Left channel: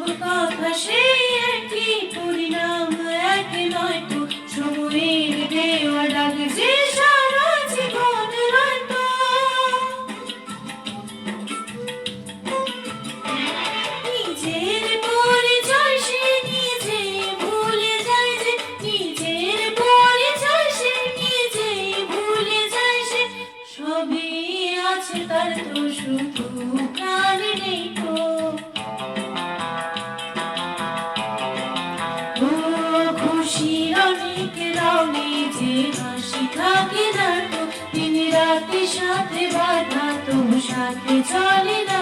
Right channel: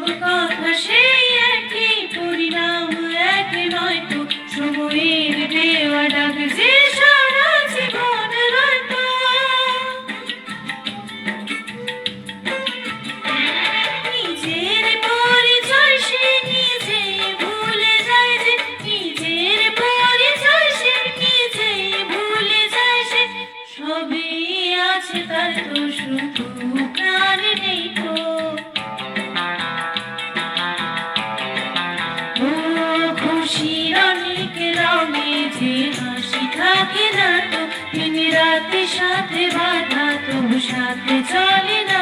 সব কথা সেই একই, পরিণাম এক নয় তো, সময়ের দেওয়া ডাক যে সারা জীবন রইতো। নিজের পরিচয় সে নিজে ভুলে যায় যে, নিজের পরিচয় সে নিজে ভুলে যায় সে, সবই আছে তার তো শুধু প্রাণ নেই তো। ও খুশির অনেক রঙে যে হাসি থাকে না তো, দিন রাতের সাথে বাঁধা তবু সাথে চলে না।